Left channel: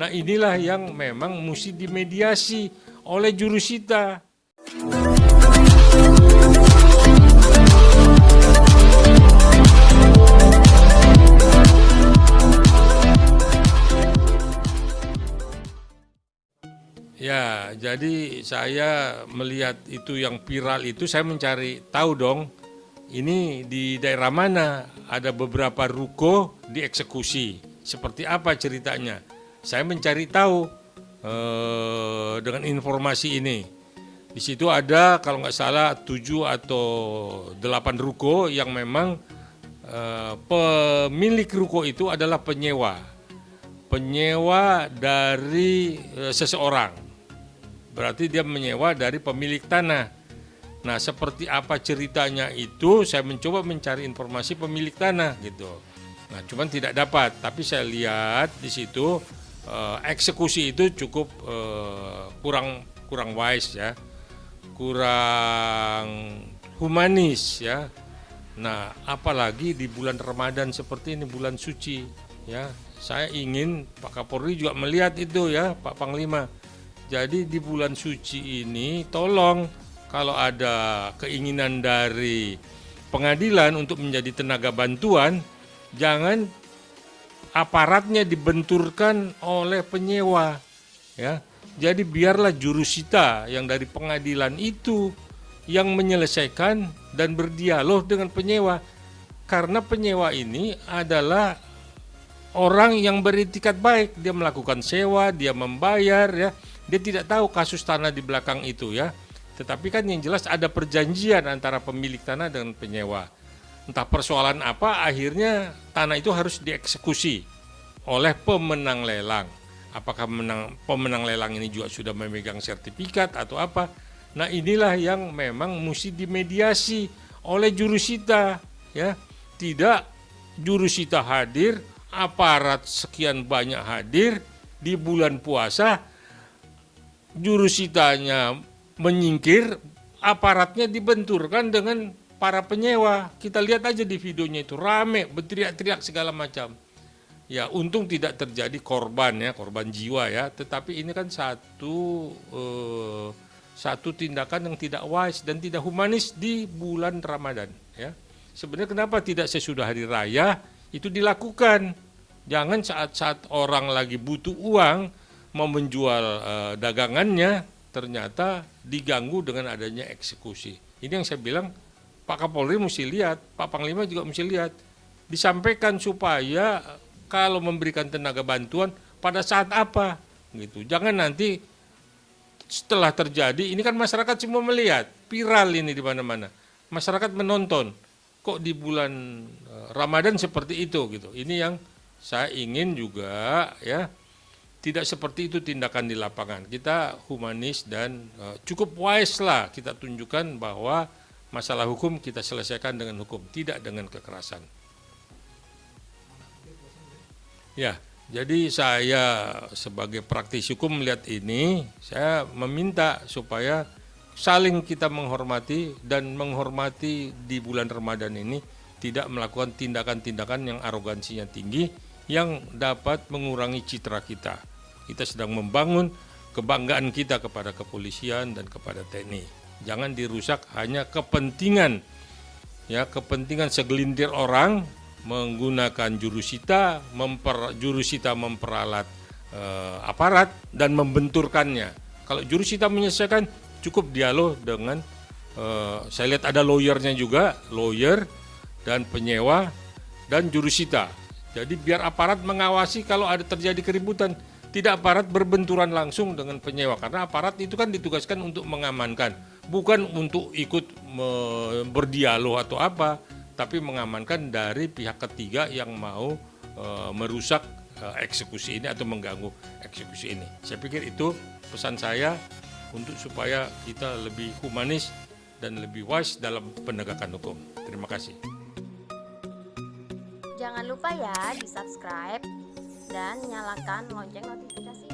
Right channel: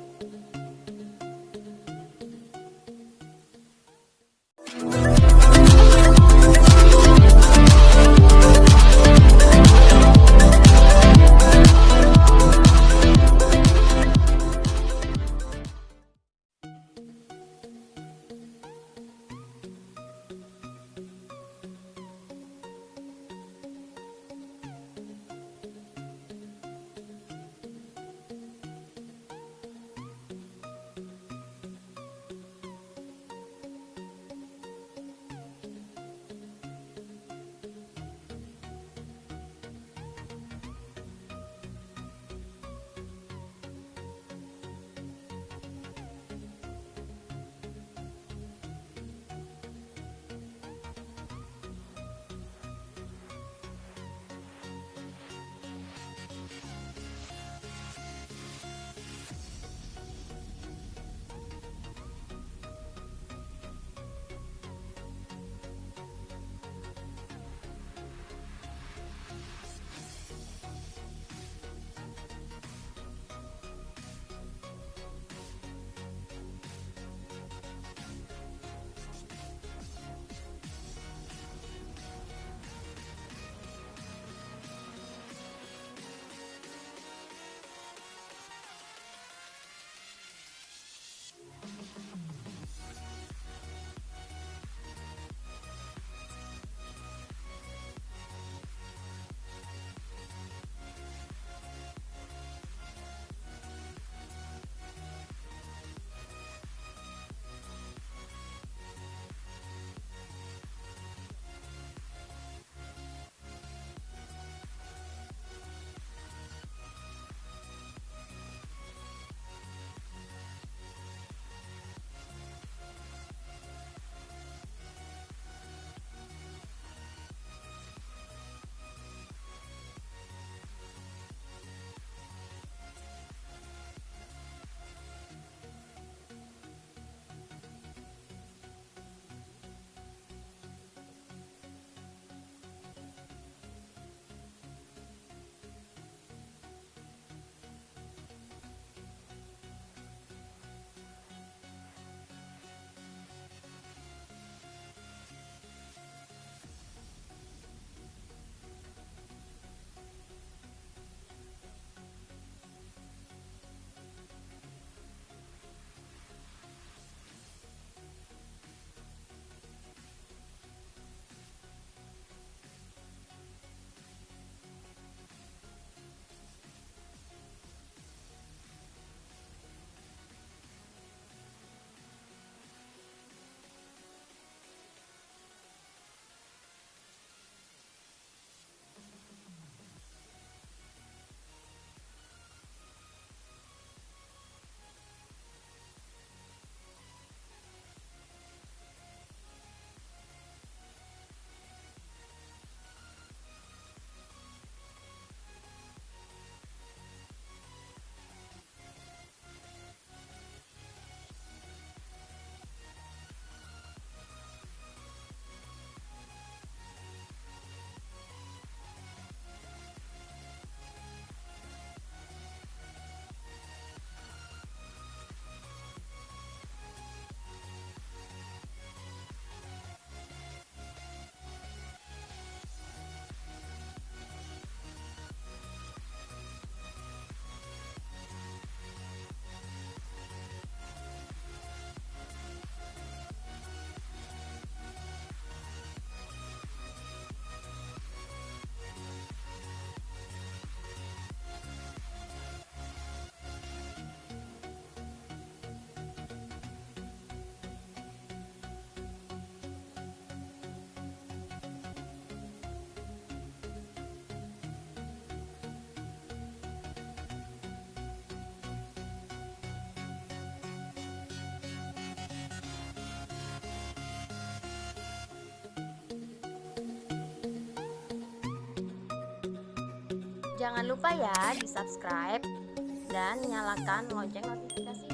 Nah inilah yang memang mesti dimediasi oleh jurusita. Ya, jadi saya melihat itu yang viral itu, saya mencari tahu dong, ini di daerah mana ada beberapa ruko dieksekusi. Seperti apa ceritanya? Saya mencari tahu dengan informasi ini. Di situ ada kalau nggak salah 7 atau 8 ruko yang memang pemilik ruko itu adalah penyewa dari seseorang. Berarti dia menyewa dari pemilik tanah. Nah, seperti apa ceritanya itu saya mencoba mencari informasi pemilik tanah gitu. Nah, cuman tidak dapat, tapi saya lihat di situ eksekusi itu cukup kurang wise ya. Kurang humanis ya. Nah, apalagi di bulan Ramadan seperti ini, bulan suci ya. Saya ingin Pak Kapolri juga melihat itu ya, Pak Panglima. Jadi di bulan suci ini tolong kalau ada keinginan dari pengadilan untuk menjadi tenaga bantuan, jangan aparatnya dibenturkan oleh penyewa ya. Jadi biarlah jurusita yang dari pengadilan itu yang menyelesaikan dan berdialog dengan penyewa. Karena penyewa ini adalah orang yang beritikat baik, dia melakukan sewa, dia membayar ya. Dia tidak tahu kasus tanah di belakang itu ya. Tetapi kan yang jelas ada perjanjian antara pemilik tanah dengan penyewa. Entah persoalan apa, akhirnya tanah itu harus dieksekusi oleh pemenang lelang. Apakah pemenang lelang ini juga sudah memegang sertifikat atau apa. Nah inilah yang memang mesti dimediasi oleh jurusita ya. Tidak jurusita hadir, aparat sekian banyak hadir di bulan puasa, jurusitanya menyingkir, aparatnya dibenturkan dengan para penyewa. Kita lihat aja di videonya itu rame, berteriak-teriak segala macam. Ya, untung tidak terjadi korban ya, korban jiwa ya. Tetapi ini kan satu tindakan yang tidak wise dan tidak humanis di bulan Ramadan ya. Sebenarnya kenapa tidak sesudah hari raya itu dilakukan? Jangan saat-saat orang lagi butuh uang mau menjual dagangannya, ternyata diganggu dengan adanya eksekusi. Ini yang saya bilang Pak Kapolri mesti lihat, Pak Panglima juga mesti lihat. Disampaikan supaya kalau memberikan tenaga bantuan pada saat apa gitu. Jangan nanti setelah terjadi, ini kan masyarakat semua melihat, viral ini di mana-mana. Masyarakat menonton, kok di bulan Ramadan seperti itu gitu. Ini yang saya ingin juga ya. Tidak seperti itu tindakan di lapangan. Kita humanis dan cukup wise lah kita tunjukkan bahwa masalah hukum kita selesaikan dengan hukum, tidak dengan kekerasan. Ya, jadi saya sebagai praktisi hukum melihat ini, saya meminta supaya saling kita menghormati dan menghormati di bulan Ramadan ini, tidak melakukan tindakan-tindakan yang arogansinya tinggi, yang dapat mengurangi citra kita. Kita sedang membangun kebanggaan kita kepada kepolisian dan kepada TNI. Jangan dirusak hanya kepentingan segelintir orang menggunakan jurusita memperalat aparat dan membenturkannya. Kalau jurusita menyelesaikan, cukup dialog dengan saya lihat ada lawyernya juga, lawyer dan penyewa dan jurusita. Jadi biar aparat mengawasi kalau ada terjadi keributan, tidak aparat berbenturan langsung dengan penyewa, karena aparat itu kan ditugaskan untuk mengamankan, bukan untuk ikut berdialog atau apa, tapi mengamankan dari pihak ketiga yang mau merusak eksekusi ini atau mengganggu eksekusi ini. Saya pikir itu pesan saya untuk supaya kita lebih humanis dan lebih wise dalam penegakan hukum. Terima kasih. Jangan lupa ya di subscribe dan nyalakan lonceng notifikasi.